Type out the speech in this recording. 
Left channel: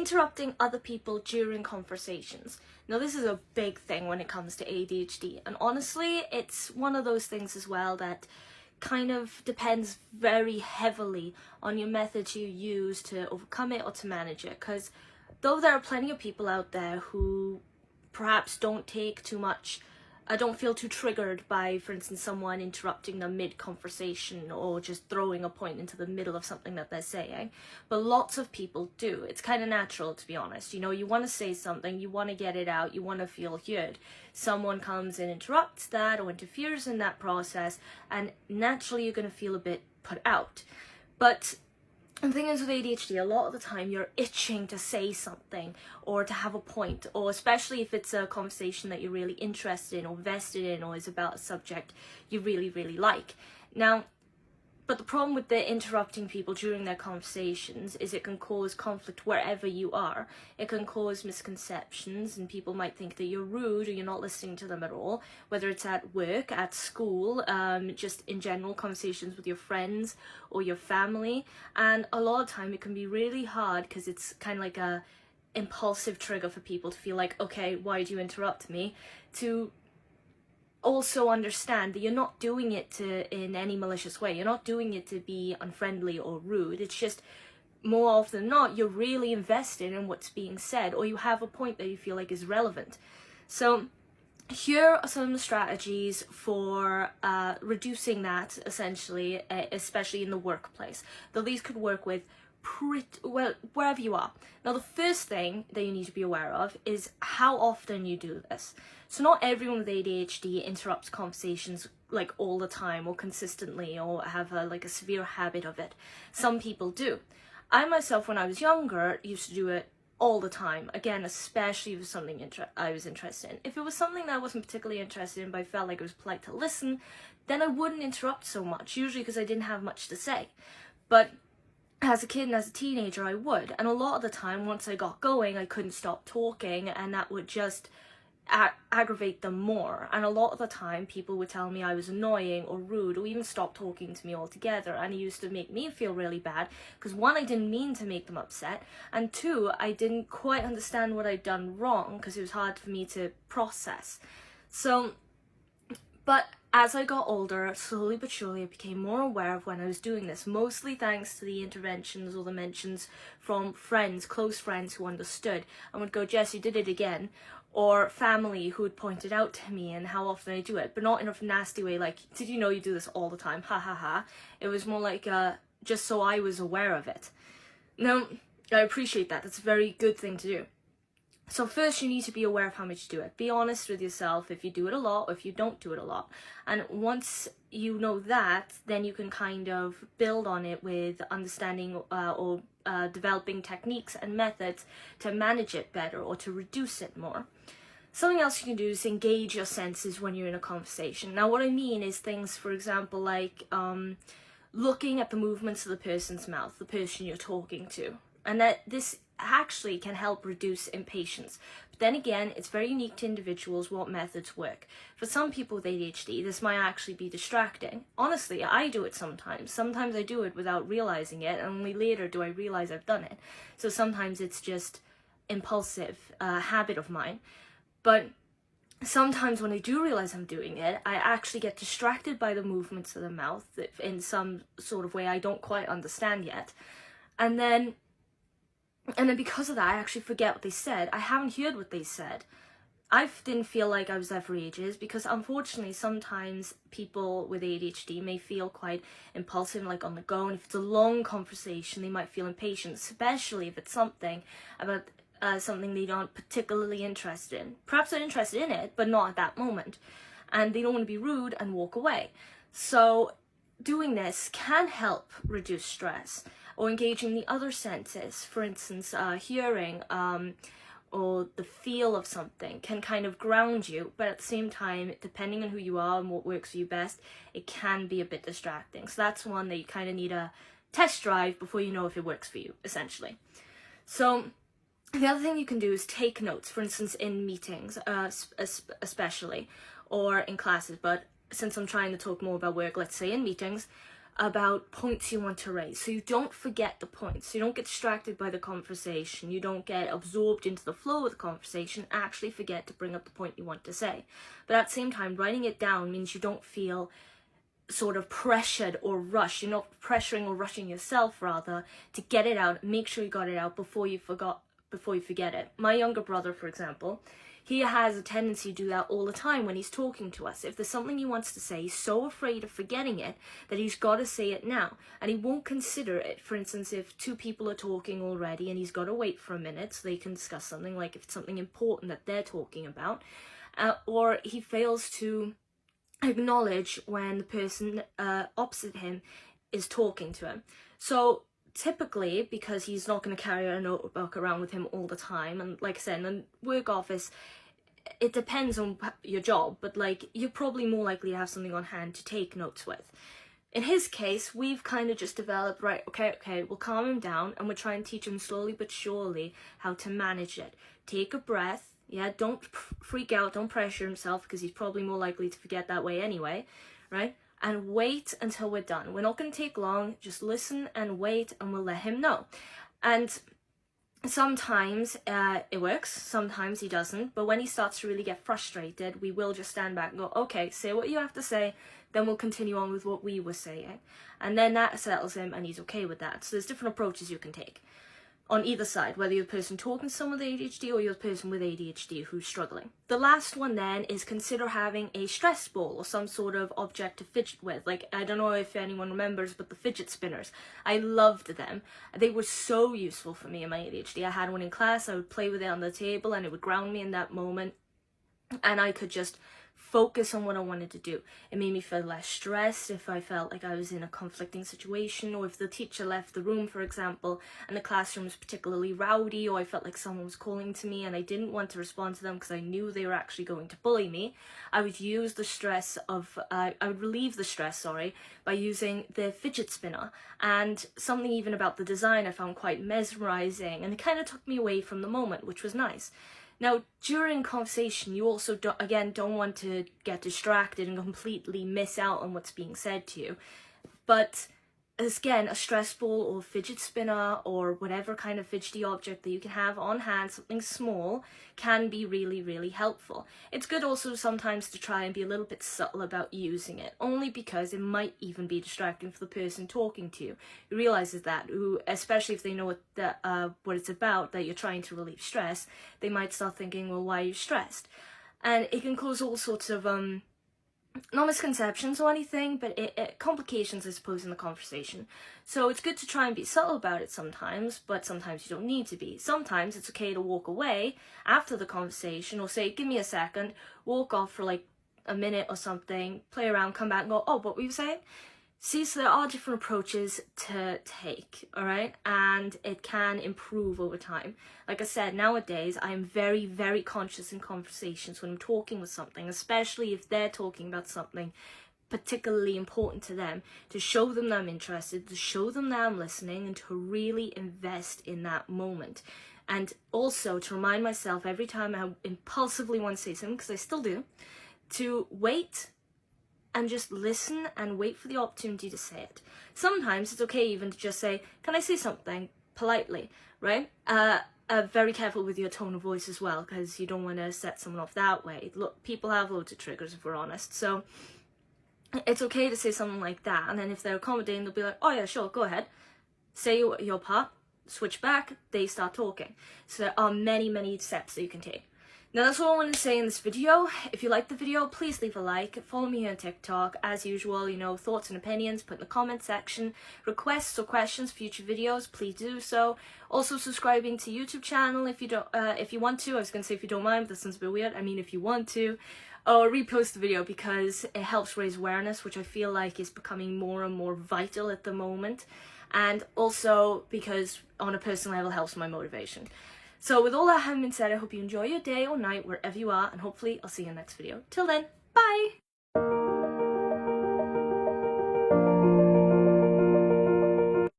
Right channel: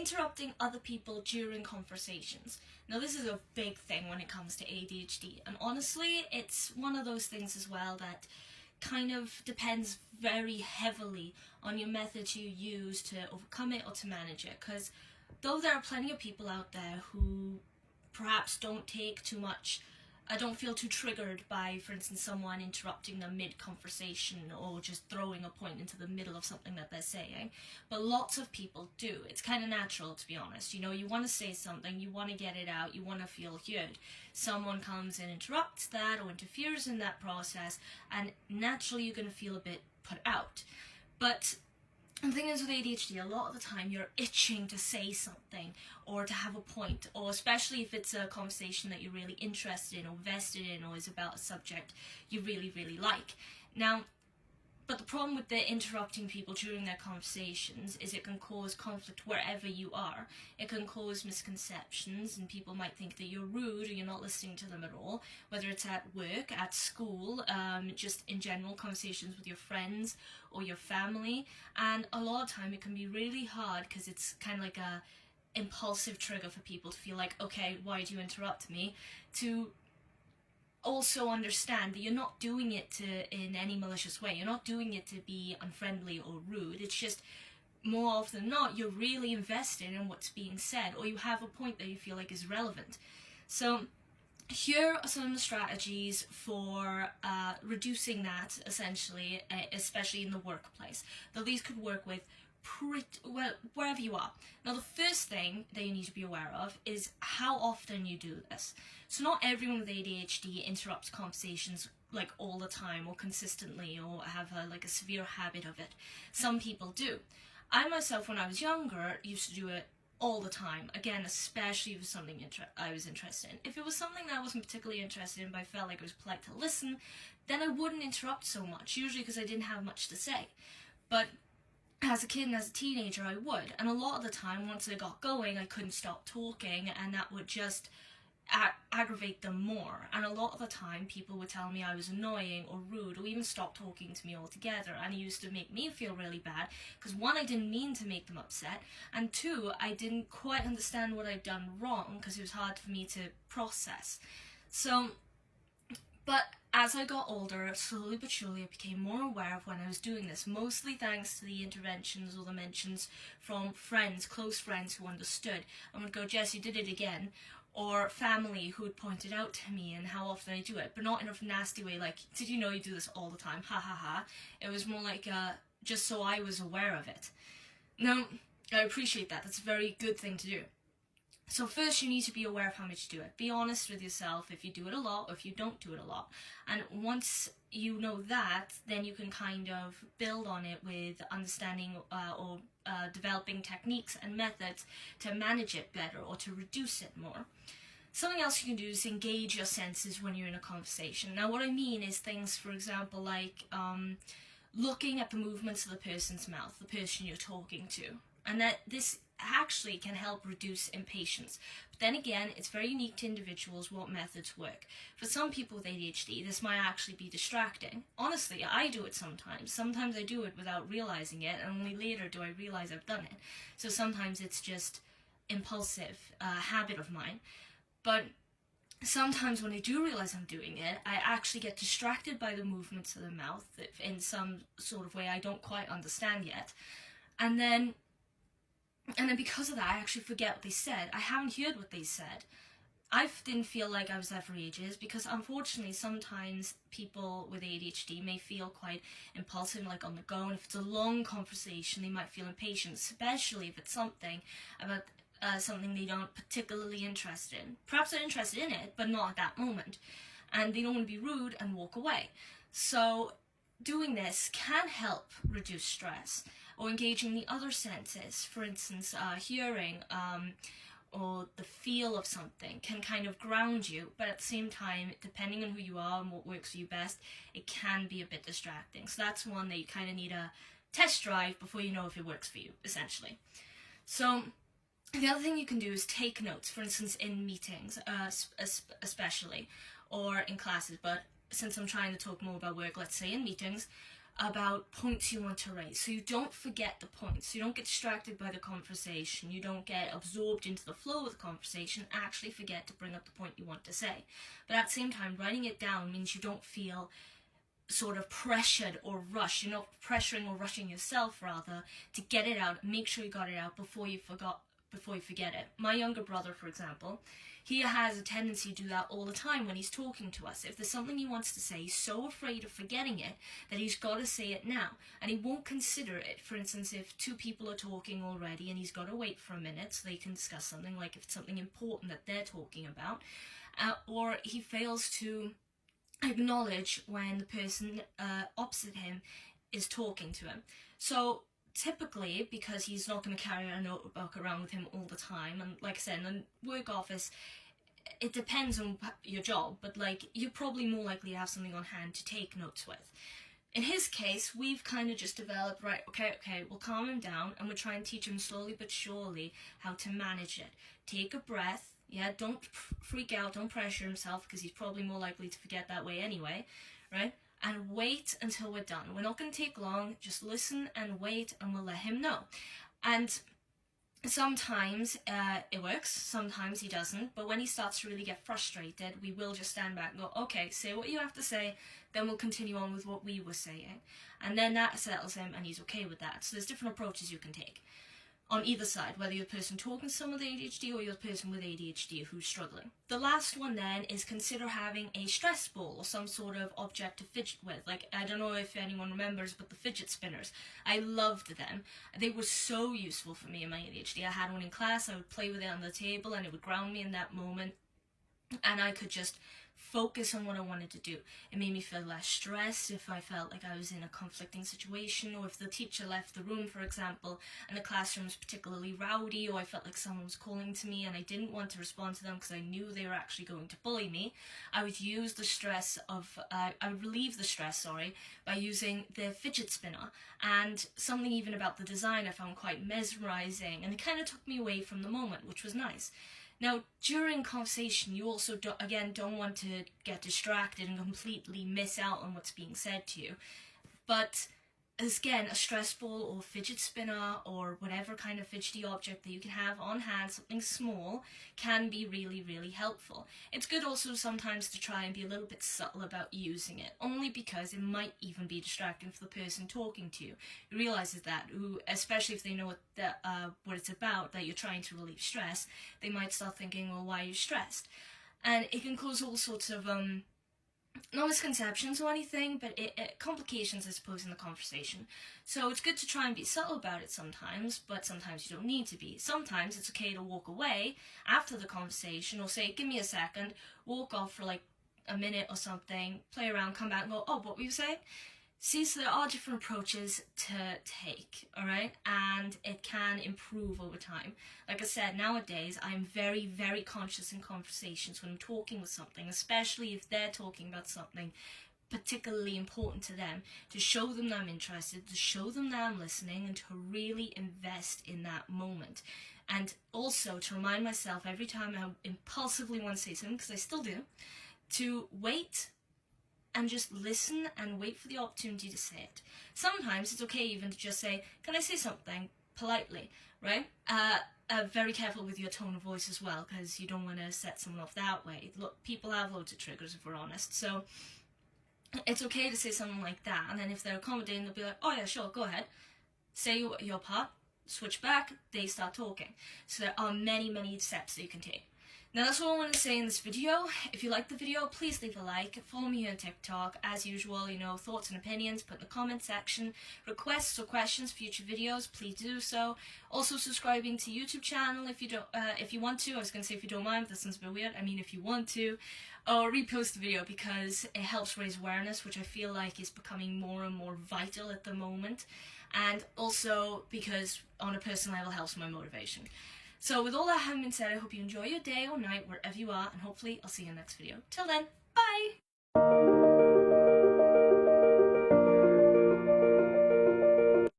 interrupting other people during conversations. Now, this is a big thing when it comes to ADHD, and honestly, it's one of those things as well that kind of depends very heavily on your methods you use to overcome it or to manage it, because though there are plenty of people out there who perhaps don't feel too triggered by, for instance, someone interrupting them mid-conversation or just throwing a point into the middle of something that they're saying. But lots of people do. It's kind of natural, to be honest. You know, you want to say something, you want to get it out, you want to feel heard. Someone comes and interrupts that or interferes in that process, and naturally you're going to feel a bit put out. But the thing is with ADHD, a lot of the time you're itching to say something or to have a point, or especially if it's a conversation that you're really interested in or vested in or is about a subject you really, really like. Now, but the problem with the interrupting people during their conversations is it can cause conflict wherever you are. It can cause misconceptions, and people might think that you're rude or you're not listening to them at all, whether it's at work, at school, just in general conversations with your friends or your family. And a lot of time it can be really hard because it's kind of like a impulsive trigger for people to feel like, okay, why do you interrupt me? To also understand that you're not doing it in any malicious way. You're not doing it to be unfriendly or rude. It's just more often than not, you're really invested in what's being said, or you have a point that you feel like is relevant. So here are some strategies for reducing that, essentially, especially in the workplace. Though these could work with wherever you are. Now, the first thing that you need to be aware of is how often you do this. So not everyone with ADHD interrupts conversations like all the time or consistently or have a severe habit of it. Some people do. I myself, when I was younger, used to do it all the time. Again, especially if it was something I was interested in. If it was something that I wasn't particularly interested in but I felt like it was polite to listen, then I wouldn't interrupt so much, usually because I didn't have much to say. But as a kid and as a teenager, I would. And a lot of the time, once I got going, I couldn't stop talking, and that would just aggravate them more. And a lot of the time, people would tell me I was annoying or rude or even stop talking to me altogether. And it used to make me feel really bad because, one, I didn't mean to make them upset, and two, I didn't quite understand what I'd done wrong because it was hard for me to process. But as I got older, slowly but surely I became more aware of when I was doing this, mostly thanks to the interventions or the mentions from friends, close friends who understood and would go, Jess, you did it again, or family who had pointed out to me and how often I do it, but not in a nasty way like, did you know you do this all the time, ha ha ha. It was more like just so I was aware of it. Now, I appreciate that. That's a very good thing to do. So first, you need to be aware of how much you do it. Be honest with yourself if you do it a lot or if you don't do it a lot. And once you know that, then you can kind of build on it with understanding or developing techniques and methods to manage it better or to reduce it more. Something else you can do is engage your senses when you're in a conversation. Now, what I mean is things, for example, like looking at the movements of the person's mouth, the person you're talking to. And that this actually can help reduce impatience. But then again, it's very unique to individuals what methods work. For some people with ADHD, this might actually be distracting. Honestly, I do it sometimes. Sometimes I do it without realizing it, and only later do I realize I've done it. So sometimes it's just impulsive, habit of mine. But sometimes when I do realize I'm doing it, I actually get distracted by the movements of the mouth in some sort of way I don't quite understand yet. And then because of that, I actually forget what they said. I haven't heard what they said. I didn't feel like I was there for ages because, unfortunately, sometimes people with ADHD may feel quite impulsive, like on the go. And if it's a long conversation, they might feel impatient, especially if it's something about something they aren't particularly interested in. Perhaps they're interested in it, but not at that moment. And they don't want to be rude and walk away. So doing this can help reduce stress, or engaging the other senses, for instance, hearing or the feel of something can kind of ground you, but at the same time, depending on who you are and what works for you best, it can be a bit distracting. So that's one that you kind of need a test drive before you know if it works for you, essentially. So the other thing you can do is take notes, for instance, in meetings, especially, or in classes, but since I'm trying to talk more about work, let's say in meetings, about points you want to raise, so you don't forget the points, you don't get distracted by the conversation, you don't get absorbed into the flow of the conversation, actually forget to bring up the point you want to say. But at the same time, writing it down means you don't feel sort of pressured or rushed. You're not pressuring or rushing yourself, rather, to get it out, make sure you got it out before you forget it. My younger brother, for example, he has a tendency to do that all the time when he's talking to us. If there's something he wants to say, he's so afraid of forgetting it that he's got to say it now. And he won't consider it. For instance, if two people are talking already and he's got to wait for a minute so they can discuss something, like if it's something important that they're talking about, or he fails to acknowledge when the person opposite him is talking to him. So typically, because he's not going to carry a notebook around with him all the time, and like I said, in a work office, it depends on your job, but like you're probably more likely to have something on hand to take notes with. In his case, we've kind of just developed, right, okay, we'll calm him down and we'll try and teach him slowly but surely how to manage it. Take a breath. Yeah, don't freak out, don't pressure himself, because he's probably more likely to forget that way anyway, right? And wait until we're done. We're not going to take long, just listen and wait, and we'll let him know. And sometimes it works, sometimes he doesn't, but when he starts to really get frustrated, we will just stand back and go, okay, say what you have to say, then we'll continue on with what we were saying. And then that settles him, and he's okay with that. So there's different approaches you can take on either side, whether you're the person talking to someone with ADHD or you're the person with ADHD who's struggling. The last one then is consider having a stress ball or some sort of object to fidget with. Like, I don't know if anyone remembers, but the fidget spinners. I loved them. They were so useful for me in my ADHD. I had one in class, I would play with it on the table and it would ground me in that moment. And I could just focus on what I wanted to do. It made me feel less stressed if I felt like I was in a conflicting situation, or if the teacher left the room, for example, and the classroom was particularly rowdy, or I felt like someone was calling to me and I didn't want to respond to them because I knew they were actually going to bully me. I would use the stress of, I would relieve the stress, by using the fidget spinner. And something even about the design I found quite mesmerizing, and it kind of took me away from the moment, which was nice. Now, during conversation, you also, don't want to get distracted and completely miss out on what's being said to you. But, again, a stress ball or fidget spinner or whatever kind of fidgety object that you can have on hand, something small, can be really, really helpful. It's good also sometimes to try and be a little bit subtle about using it, only because it might even be distracting for the person talking to you, who realizes that, who, especially if they know what it's about, that you're trying to relieve stress, they might start thinking, well, why are you stressed? And it can cause all sorts of not misconceptions or anything, but complications, I suppose, in the conversation. So it's good to try and be subtle about it sometimes, but sometimes you don't need to be. Sometimes it's okay to walk away after the conversation, or say, give me a second, walk off for like a minute or something, play around, come back and go, oh, what were you saying? See, so there are different approaches to take, alright? And it can improve over time. Like I said, nowadays, I'm very, very conscious in conversations when I'm talking with something, especially if they're talking about something particularly important to them, to show them that I'm interested, to show them that I'm listening, and to really invest in that moment. And also to remind myself every time I impulsively want to say something, because I still do, to wait and just listen and wait for the opportunity to say it. Sometimes it's okay even to just say, can I say something politely, right? Very careful with your tone of voice as well, because you don't want to set someone off that way. Look, people have loads of triggers, if we're honest, so it's okay to say something like that, and then if they're accommodating, they'll be like, oh yeah, sure, go ahead, say your part, switch back, they start talking. So there are many, many steps that you can take. Now that's all I wanted to say in this video. If you liked the video, please leave a like. Follow me on TikTok. As usual, thoughts and opinions, put in the comment section. Requests or questions for future videos, please do so. Also subscribing to YouTube channel if you want to. I was going to say if you don't mind, but that sounds a bit weird. I mean if you want to. Or repost the video, because it helps raise awareness, which I feel like is becoming more and more vital at the moment. And also because on a personal level helps my motivation. So with all that having been said, I hope you enjoy your day or night wherever you are, and hopefully I'll see you in the next video. Till then, bye!